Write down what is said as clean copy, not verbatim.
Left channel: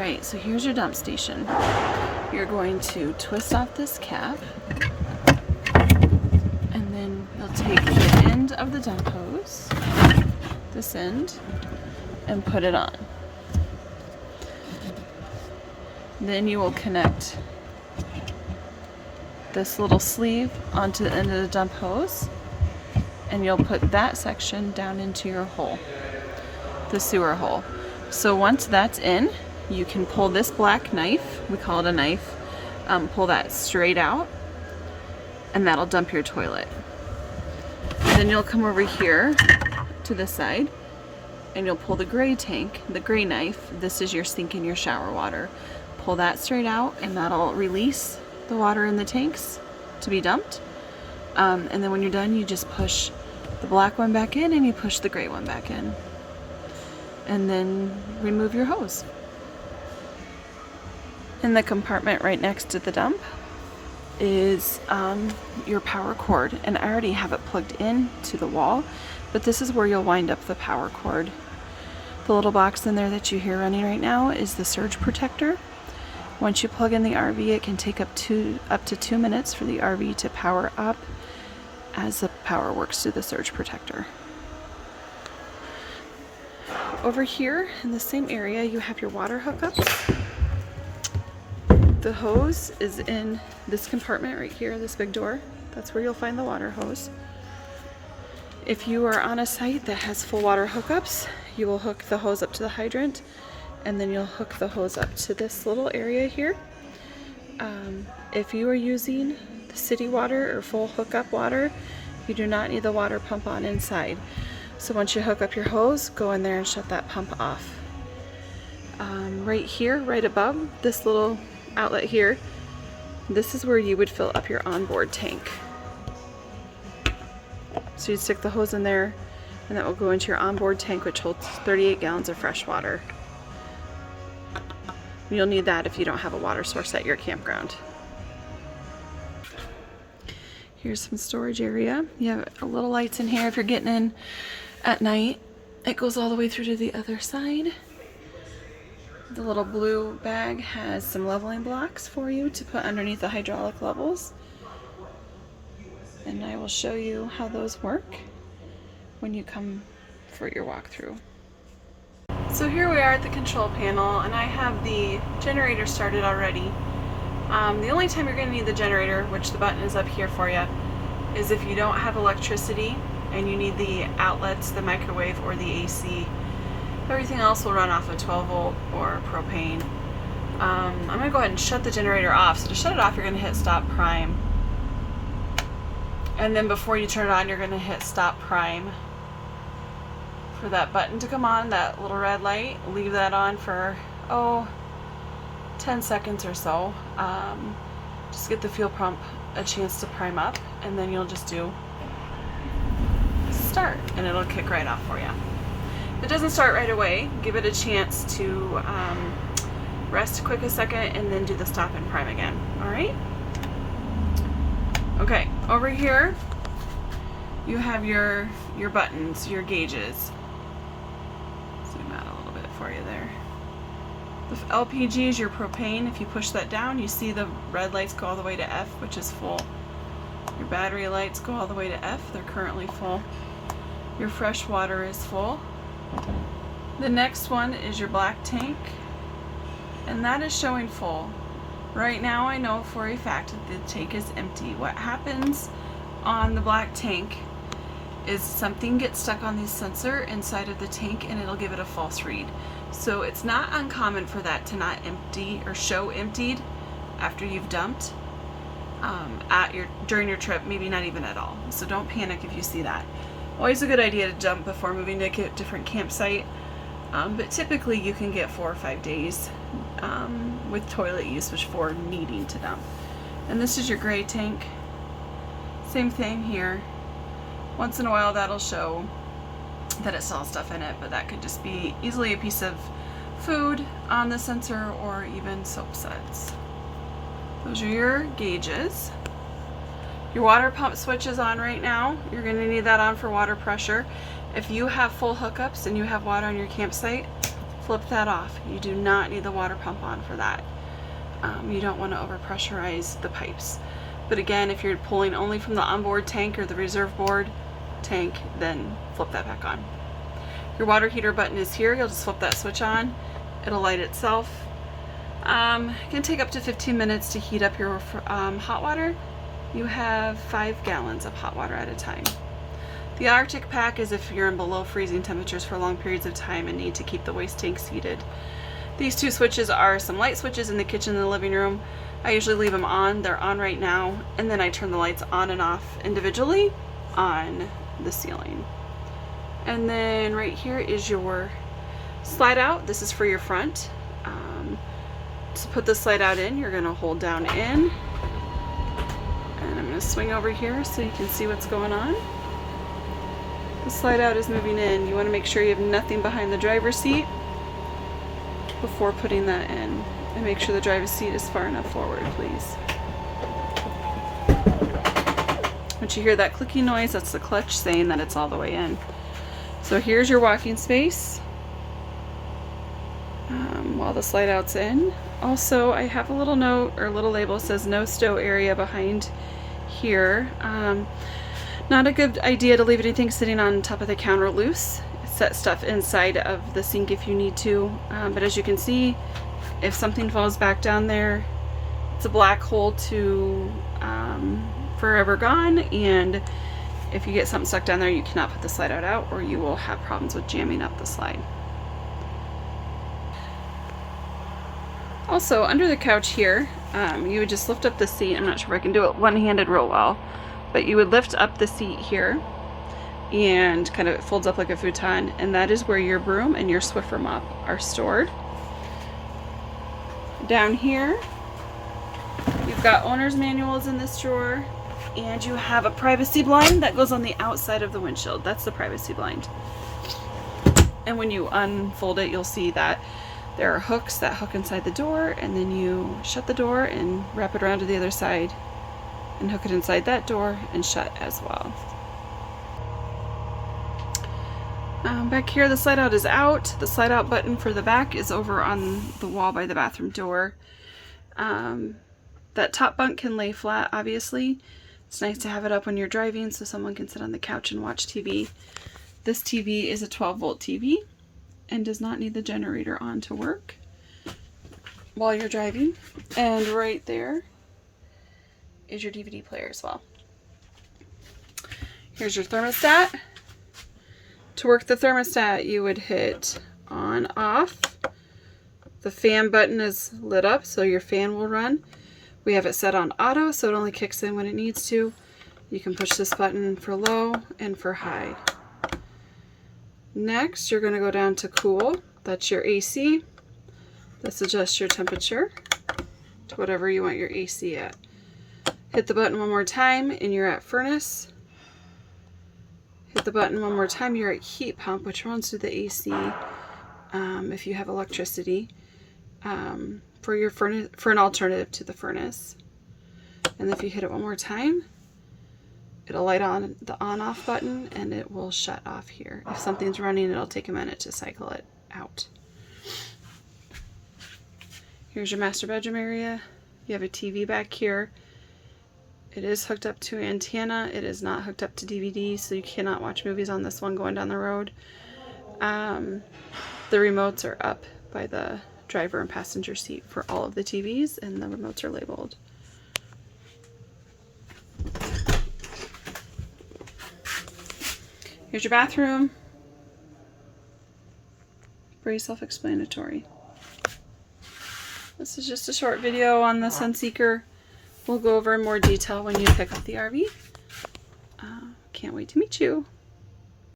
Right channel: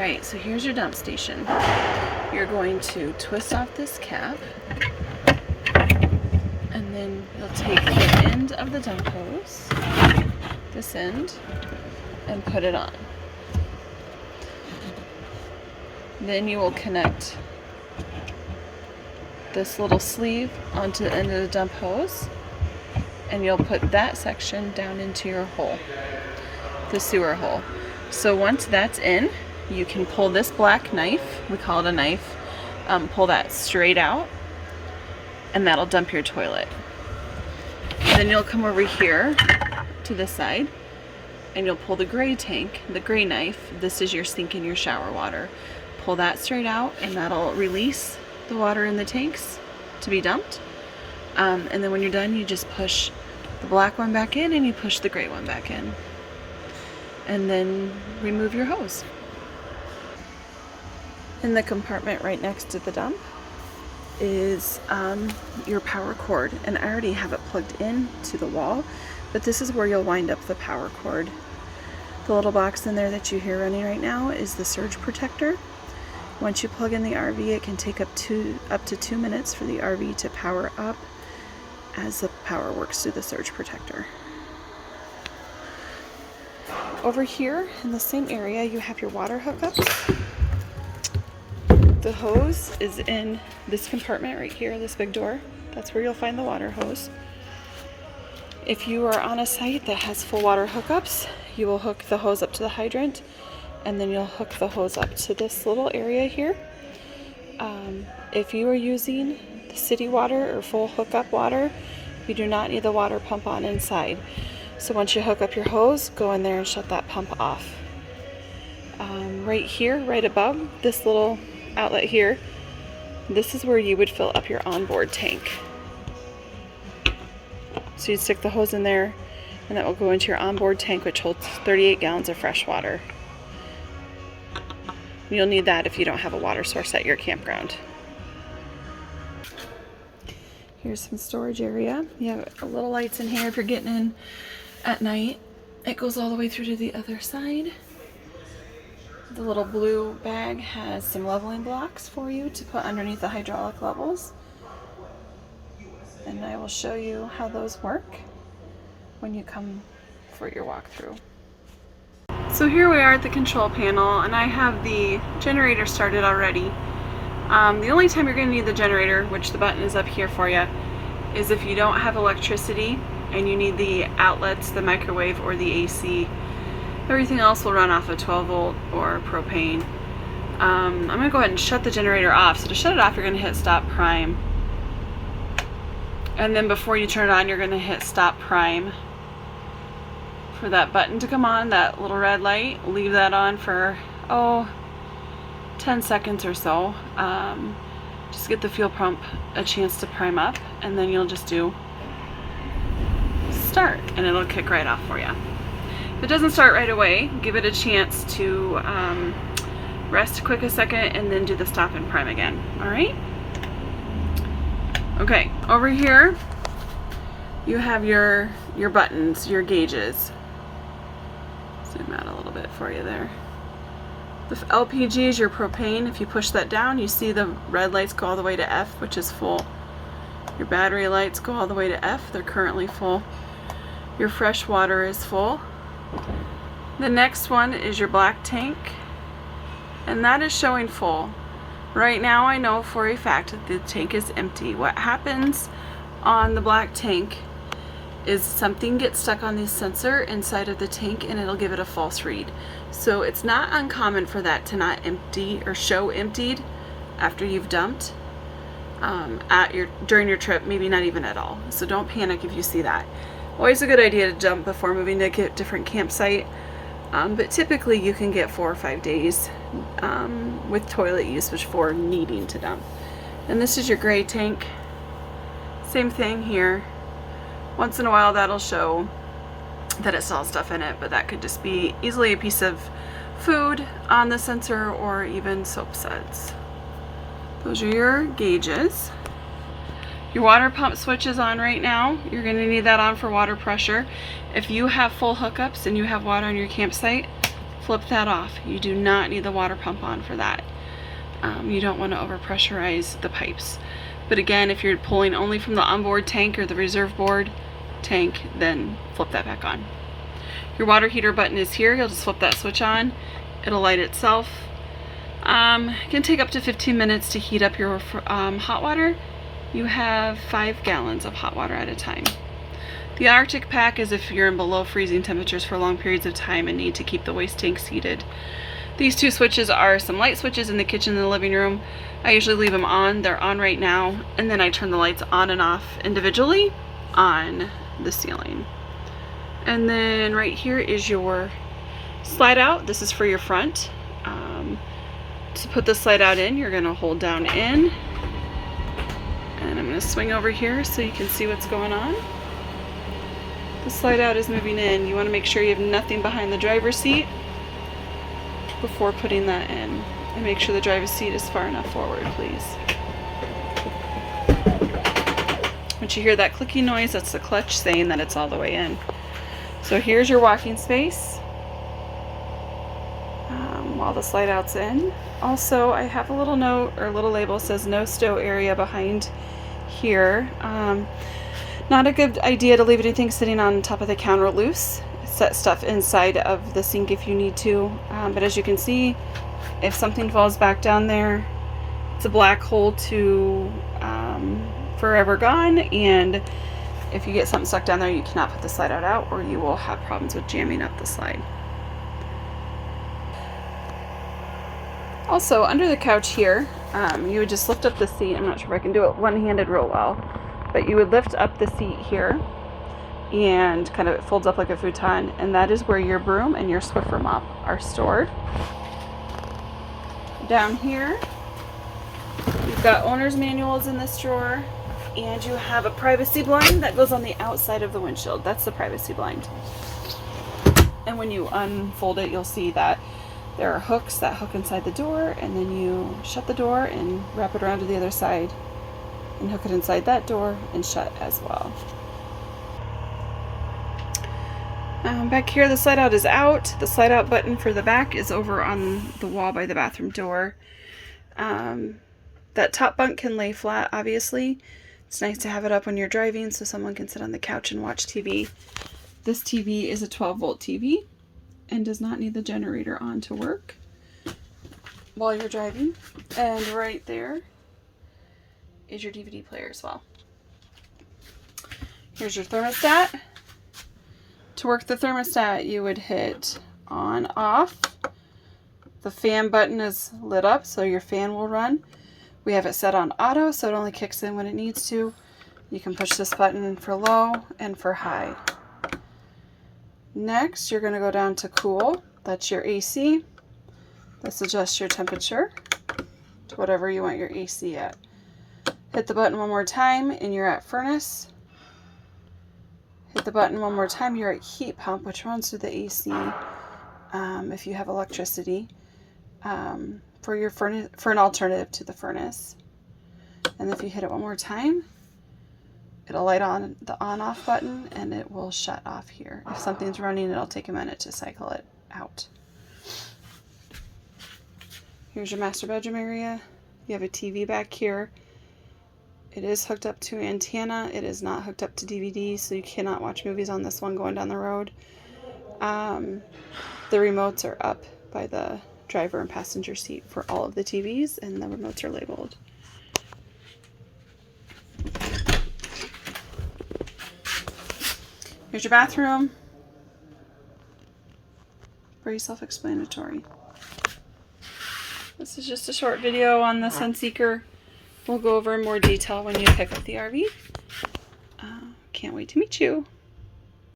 Alright, so here's your dump station. You're going to twist off this cap, and then you'll take the end of the dump hose, this end, and put it on. Then you will connect this little sleeve onto the end of the dump hose, and you'll put that section down into your hole, the sewer hole. So once that's in, you can pull this black knife, we call it a knife, pull that straight out, and that'll dump your toilet. Then you'll come over here to this side, and you'll pull the gray tank, the gray knife. This is your sink and your shower water. Pull that straight out, and that'll release the water in the tanks to be dumped. And then when you're done, you just push the black one back in, and you push the gray one back in. And then remove your hose. In the compartment right next to the dump is your power cord, and I already have it plugged in to the wall, but this is where you'll wind up the power cord. The little box in there that you hear running right now is the surge protector. Once you plug in the RV, it can take up to 2 minutes for the RV to power up as the power works through the surge protector. Over here in the same area, you have your water hookups. The hose is in this compartment right here, this big door. That's where you'll find the water hose. If you are on a site that has full water hookups, you will hook the hose up to the hydrant, and then you'll hook the hose up to this little area here. If you are using the city water or full hookup water, you do not need the water pump on inside. So once you hook up your hose, go in there and shut that pump off. Right here, right above this little outlet here, this is where you would fill up your onboard tank. So you'd stick the hose in there, and that will go into your onboard tank, which holds 38 gallons of fresh water. You'll need that if you don't have a water source at your campground. Here's some storage area. You have little lights in here if you're getting in at night. It goes all the way through to the other side. The little blue bag has some leveling blocks for you to put underneath the hydraulic levels. And I will show you how those work when you come for your walkthrough. So here we are at the control panel, and I have the generator started already. The only time you're going to need the generator, which the button is up here for you, is if you don't have electricity and you need the outlets, the microwave, or the AC. Everything else will run off a 12 volt or propane. I'm going to go ahead and shut the generator off. So to shut it off, you're going to hit stop prime. And then before you turn it on, you're going to hit stop prime. For that button to come on, that little red light, leave that on for 10 seconds or so. Just get the fuel pump a chance to prime up, and then you'll just do start, and it'll kick right off for you. If it doesn't start right away, give it a chance to rest quick a second, and then do the stop and prime again. Alright? Okay, over here you have your buttons, your gauges. Zoom out a little bit for you there. The LPG is your propane. If you push that down, you see the red lights go all the way to F, which is full. Your battery lights go all the way to F. They're currently full. Your fresh water is full. The next one is your black tank, and that is showing full. Right now I know for a fact that the tank is empty. What happens on the black tank is something gets stuck on the sensor inside of the tank, and it'll give it a false read. So it's not uncommon for that to not empty or show emptied after you've dumped during your trip, maybe not even at all. So don't panic if you see that. Always a good idea to dump before moving to a different campsite, but typically you can get 4 or 5 days with toilet usage for needing to dump. And this is your gray tank. Same thing here. Once in a while that'll show that it still has stuff in it, but that could just be easily a piece of food on the sensor or even soap suds. Those are your gauges. Your water pump switch is on right now. You're going to need that on for water pressure. If you have full hookups and you have water on your campsite, flip that off. You do not need the water pump on for that. You don't want to overpressurize the pipes. But again, if you're pulling only from the onboard tank or the reserve board tank, then flip that back on. Your water heater button is here. You'll just flip that switch on. It'll light itself. It can take up to 15 minutes to heat up your hot water. You have 5 gallons of hot water at a time. The Arctic pack is if you're in below freezing temperatures for long periods of time and need to keep the waste tanks heated. These 2 switches are some light switches in the kitchen and the living room. I usually leave them on. They're on right now, and then I turn the lights on and off individually on the ceiling. And then right here is your slide out. This is for your front. To put the slide out in, you're going to hold down in, and I'm going to swing over here so you can see what's going on. The slide out is moving in. You want to make sure you have nothing behind the driver's seat before putting that in. And make sure the driver's seat is far enough forward, please. Once you hear that clicking noise, that's the clutch saying that it's all the way in. So here's your walking space while the slide out's in. Also, I have a little note or a little label that says no stow area behind here. Not a good idea to leave anything sitting on top of the counter loose. Set stuff inside of the sink if you need to. But as you can see, if something falls back down there, it's a black hole to forever gone. And if you get something stuck down there, you cannot put the slide out or you will have problems with jamming up the slide. Also, under the couch here, you would just lift up the seat. I'm not sure if I can do it one-handed real well, but you would lift up the seat here and kind of folds up like a futon, and that is where your broom and your Swiffer mop are stored. Down here, you've got owner's manuals in this drawer, and you have a privacy blind that goes on the outside of the windshield. That's the privacy blind. And when you unfold it, you'll see that there are hooks that hook inside the door, and then you shut the door and wrap it around to the other side and hook it inside that door and shut as well. Back here, the slide out is out. The slide out button for the back is over on the wall by the bathroom door. That top bunk can lay flat, obviously. It's nice to have it up when you're driving so someone can sit on the couch and watch TV. This TV is a 12-volt TV and does not need the generator on to work while you're driving. And right there is your DVD player as well. Here's your thermostat. To work the thermostat, you would hit on, off. The fan button is lit up, so your fan will run. We have it set on auto, so it only kicks in when it needs to. You can push this button for low and for high. Next, you're going to go down to cool. That's your AC. This adjusts your temperature to whatever you want your AC at. Hit the button one more time and you're at furnace. Hit the button one more time, you're at heat pump, which runs through the AC if you have electricity, for your furnace, for an alternative to the furnace. And if you hit it one more time, it'll light on the on-off button and it will shut off here. If something's running, it'll take a minute to cycle it out. Here's your master bedroom area. You have a TV back here. It is hooked up to an antenna. It is not hooked up to DVD, so you cannot watch movies on this one going down the road. The remotes are up by the driver and passenger seat for all of the TVs, and the remotes are labeled. Here's your bathroom. Very self-explanatory. This is just a short video on the Sunseeker. We'll go over in more detail when you pick up the RV. Can't wait to meet you.